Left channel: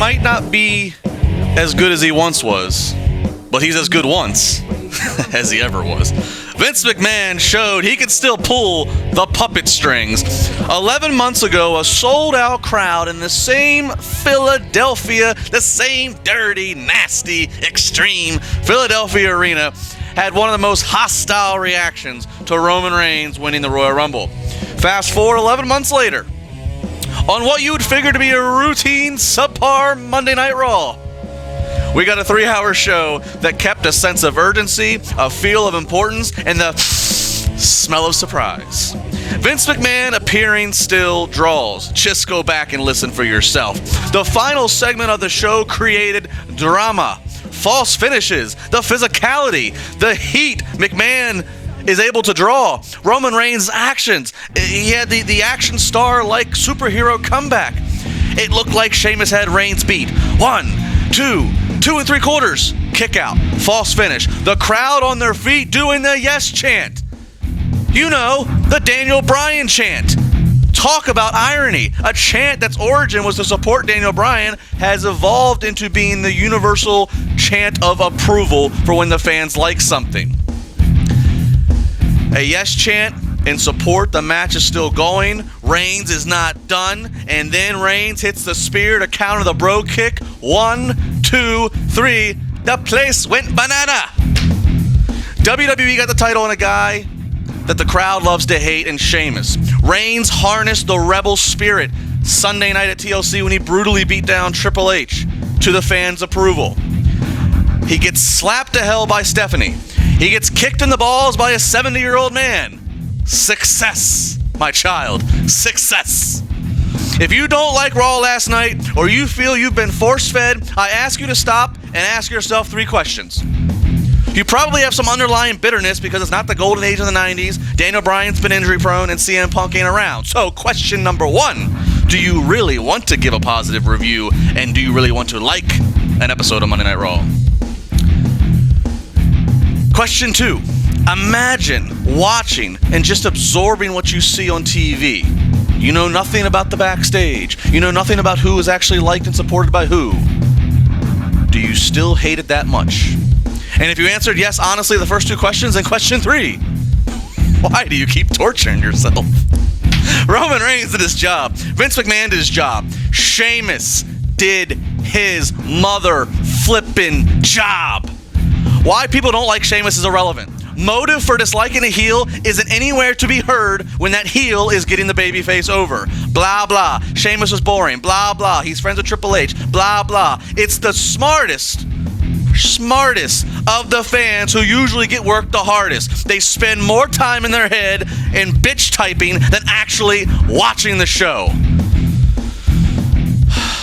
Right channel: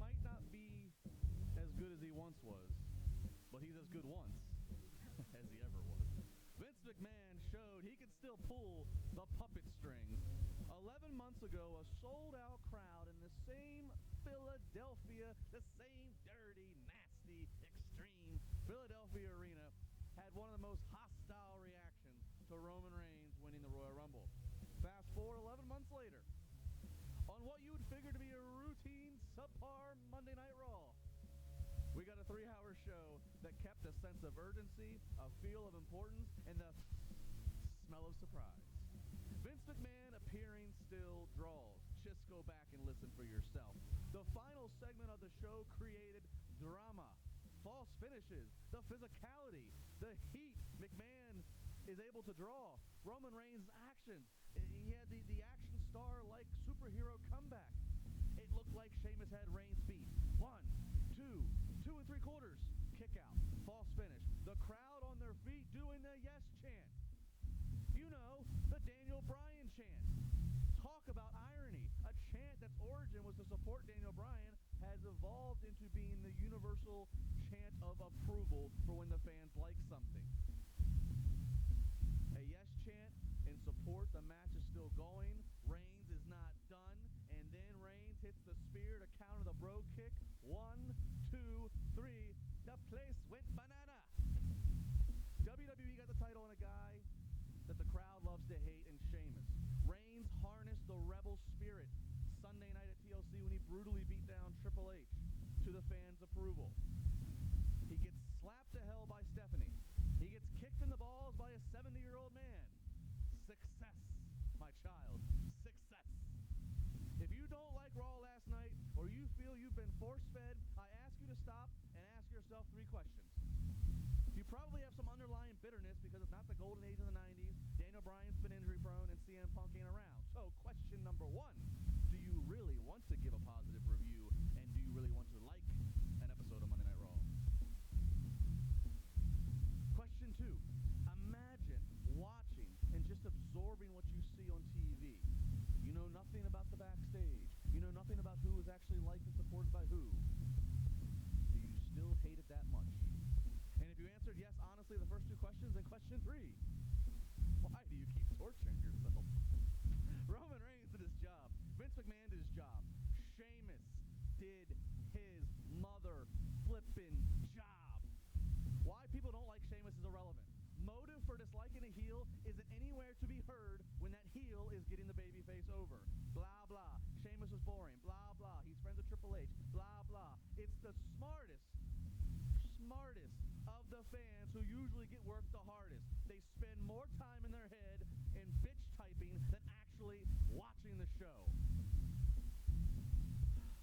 might not be as good as he once was, but he's as good once as he ever was. Vince McMahon showed he could still pull the puppet strings. 11 months ago, a sold-out crowd in the same Philadelphia, the same dirty, nasty, extreme Philadelphia arena, had one of the most hostile reactions to Roman Reigns winning the Royal Rumble. Fast forward 11 months later, on what you would figure to be a routine, subpar Monday Night Raw, we got a 3-hour show that kept a sense of urgency, a feel of importance, and the smell of surprise. Vince McMahon appearing still draws. Just go back and listen for yourself. The final segment of the show created drama, false finishes, the physicality, the heat McMahon is able to draw, Roman Reigns' actions. He had the action star-like superhero comeback. It looked like Sheamus had Reigns beat. 1, 2 3/4, kick out, false finish. The crowd on their feet doing the yes chant. You know, the Daniel Bryan chant. Talk about irony. A chant that's origin was to support Daniel Bryan has evolved into being the universal chant of approval for when the fans like something. A yes chant in support, the match is still going. Reigns is not done. And then Reigns hits the spear to counter the bro kick. 1, 2, 3. The place went banana. WWE got the title on a guy that the crowd loves to hate in Sheamus. Reigns harnessed the rebel spirit Sunday night at TLC when he brutally beat down Triple H to the fans' approval. He gets slapped to hell by Stephanie. He gets kicked in the balls by a 70-year-old man. Success, my child. Success. If you don't like Raw last night, or you feel you've been force-fed, I ask you to stop and ask yourself 3 questions. You probably have some underlying bitterness because it's not the golden age of the 90s, Daniel Bryan's been injury-prone, and CM Punk ain't around. So, question number 1, do you really want to give a positive review, and do you really want to like an episode of Monday Night Raw? Question 2, imagine watching and just absorbing what you see on TV. You know nothing about the backstage. You know nothing about who is actually liked and supported by who. Do you still hate it that much? And if you answered yes, honestly, the first 2 questions, then question 3, why do you keep torturing yourself? Roman Reigns did his job. Vince McMahon did his job. Sheamus did his mother flippin' job. Why people don't like Sheamus is irrelevant. Motive for disliking a heel isn't anywhere to be heard when that heel is getting the babyface over. Blah, blah. Sheamus was boring. Blah, blah. He's friends with Triple H. Blah, blah. It's the smartest of the fans who usually get worked the hardest. They spend more time in their head in bitch typing than actually watching the show.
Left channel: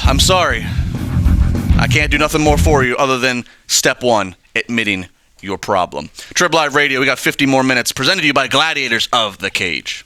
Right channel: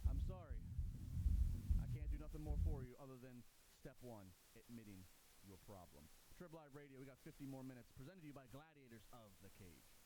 I'm sorry. I can't do nothing more for you other than step 1, admitting your problem. TribLIVE Radio, we got 50 more minutes, presented to you by Gladiators of the Cage.